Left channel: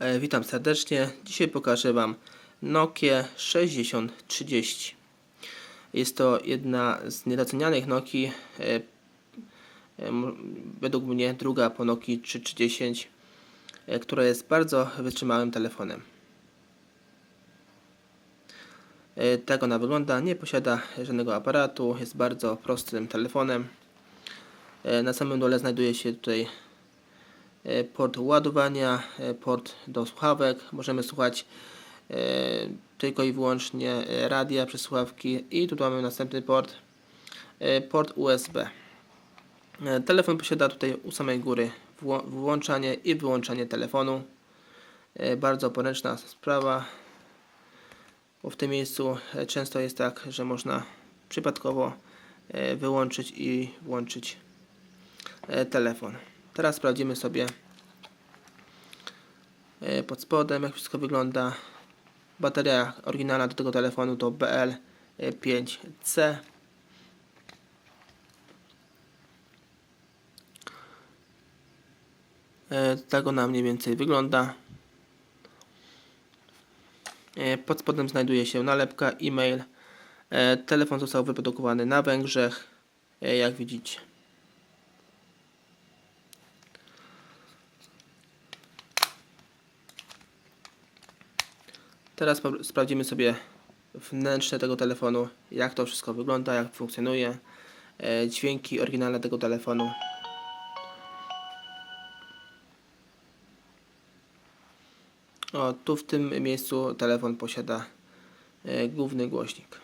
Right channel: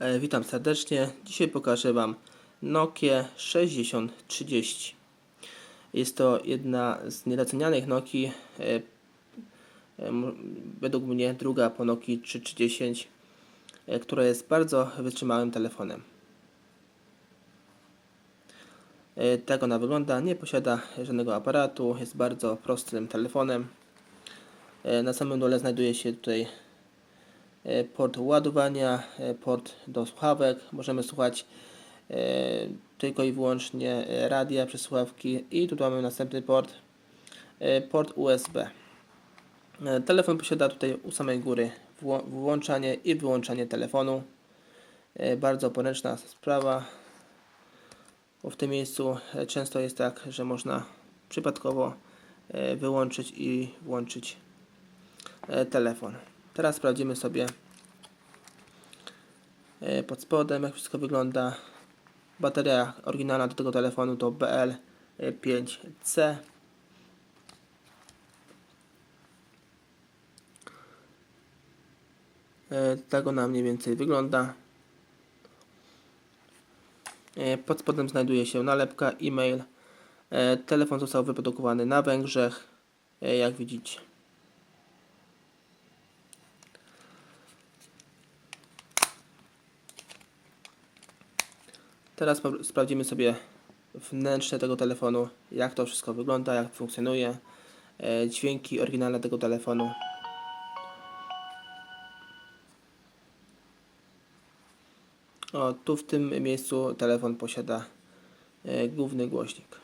Witam serdecznie. Dzisiaj pokażę Wam Nokię 6030. Jest to jedna z niedocenianych Nokii, według mnie druga po Nokii 3310, która jest bardzo wytrzymałym telefonem. Tak ona wygląda, nie posiada żadnego aparatu, jest bardzo prostym telefonem. Na samym dole znajduje się tutaj port ładowania, port do słuchawek. Możemy słuchać tylko i wyłącznie radia przez słuchawki i tu mamy następny port USB. Telefon posiada tutaj u samej góry włączanie i wyłączanie telefonu. Bardzo poręczna sprawa, bo w tym miejscu często jest tak, że można przypadkowo wyłączyć i włączyć telefon. Teraz sprawdzimy sobie pod spodem, jak wszystko wygląda. Bateria oryginalna do tego telefonu to BL5C. Tak ona mniej więcej wygląda. Pod spodem znajduje się nalepka, e-mail. Telefon został wyprodukowany na Węgrzech, jak widzicie. Teraz sprawdzimy sobie wnętrze tego telefonu, jak to wszystko wygląda, jak funkcjonuje. Dźwięki oryginalne tego telefonu. O, tu w tym miejscu telefon posiada główny głośnik.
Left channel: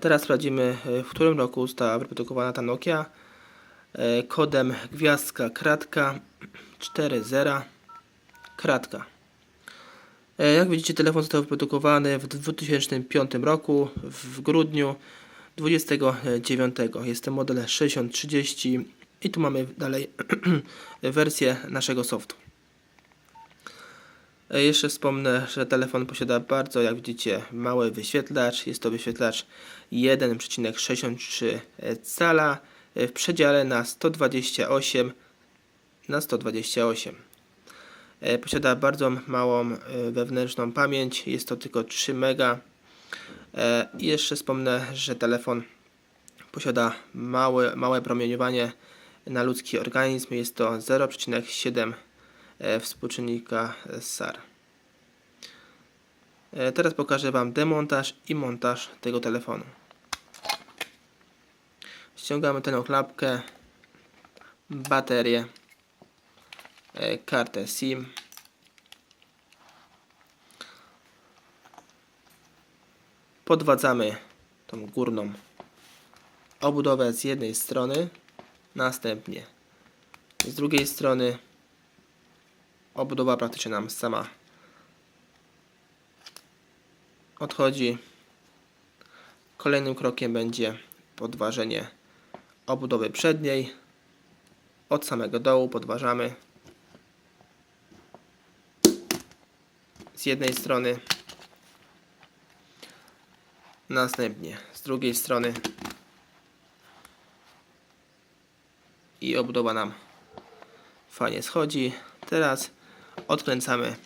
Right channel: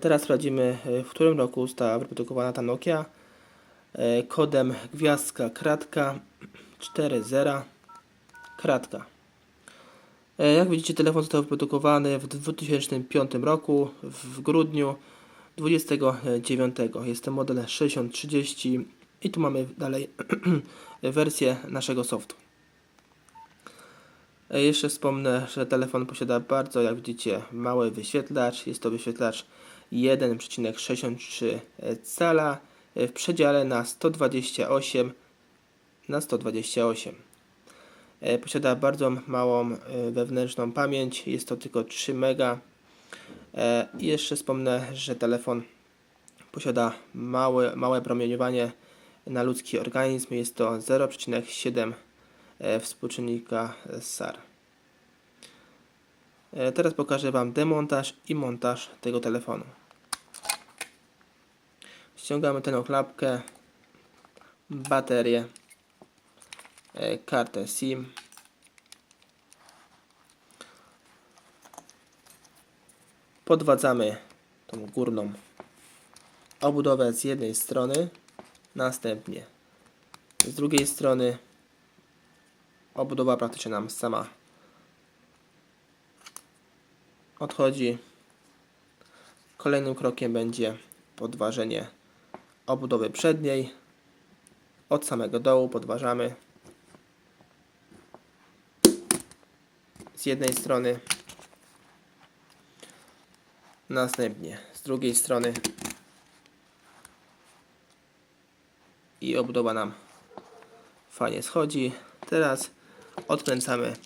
Teraz sprawdzimy, w którym roku została wyprodukowana ta Nokia. Kodem gwiazdka kratka 40 kratka. Jak widzicie, telefon został wyprodukowany w 2005 roku w grudniu 29. Jest to model 6030 i tu mamy dalej wersję naszego softu. Jeszcze wspomnę, że telefon posiada bardzo, jak widzicie, mały wyświetlacz. Jest to wyświetlacz 1,63 cala w przedziale na 128 na 128. Posiada bardzo małą wewnętrzną pamięć, jest to tylko 3 MB. I jeszcze wspomnę, że telefon posiada małe promieniowanie na ludzki organizm, jest to 0,7 współczynnika SAR. Teraz pokażę Wam demontaż i montaż tego telefonu. Ściągamy tę klapkę, baterię, kartę SIM, podwadzamy tą górną obudowę z jednej strony, następnie z drugiej strony. Obudowa praktycznie nam sama odchodzi. Kolejnym krokiem będzie podważenie obudowy przedniej. Od samego dołu podważamy z jednej strony, następnie z drugiej strony i obudowa nam fajnie schodzi. Teraz odkręcamy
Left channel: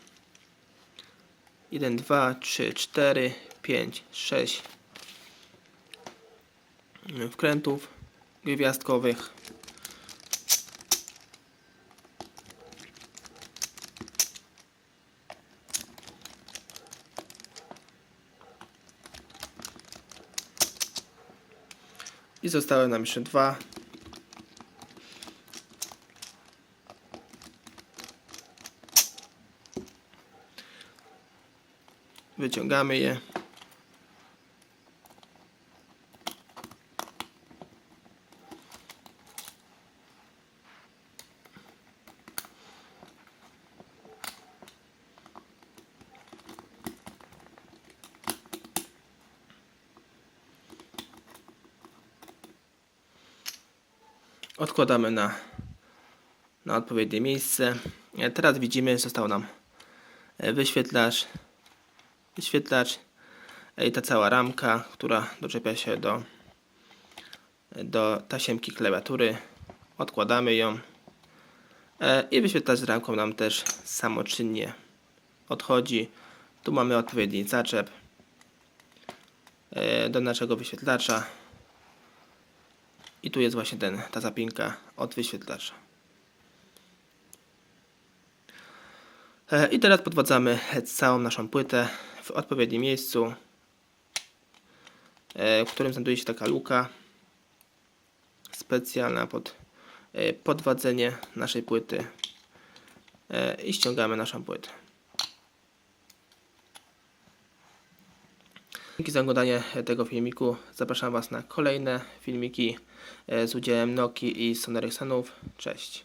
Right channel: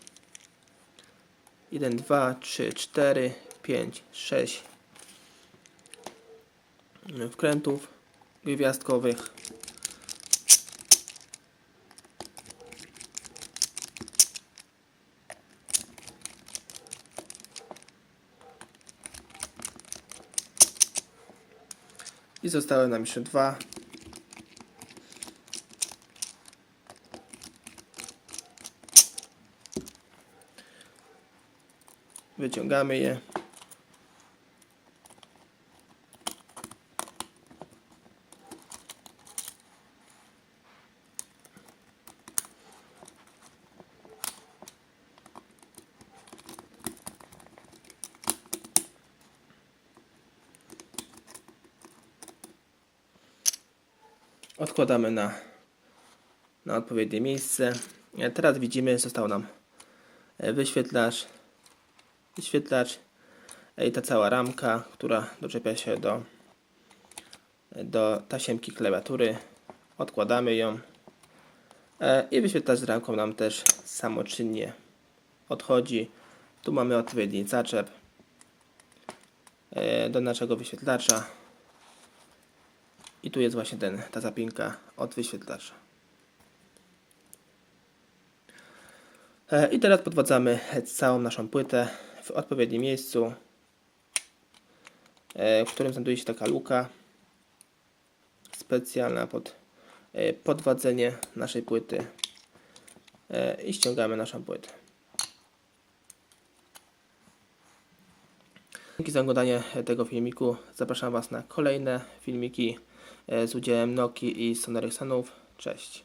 1, 2, 3, 4, 5, 6 wkrętów gwiazdkowych. I zostały nam jeszcze 2. Wyciągamy je. Odkładamy na odpowiednie miejsce. Teraz widzimy, że został nam wyświetlacz i ta cała ramka, która doczepia się do tasiemki klawiatury. Odkładamy ją i wyświetlacz z ramką nam też samoczynnie odchodzi. Tu mamy odpowiedni zaczep do naszego wyświetlacza i tu jest właśnie ta zapinka od wyświetlacza. I teraz podwadzamy całą naszą płytę w odpowiednim miejscu, w którym znajduje się taka luka specjalna pod podwadzenie naszej płyty i ściągamy naszą płytę. Dzięki za oglądanie tego filmiku. Zapraszam Was na kolejne filmiki z udziałem Nokii i Sony Ericssonów. Cześć.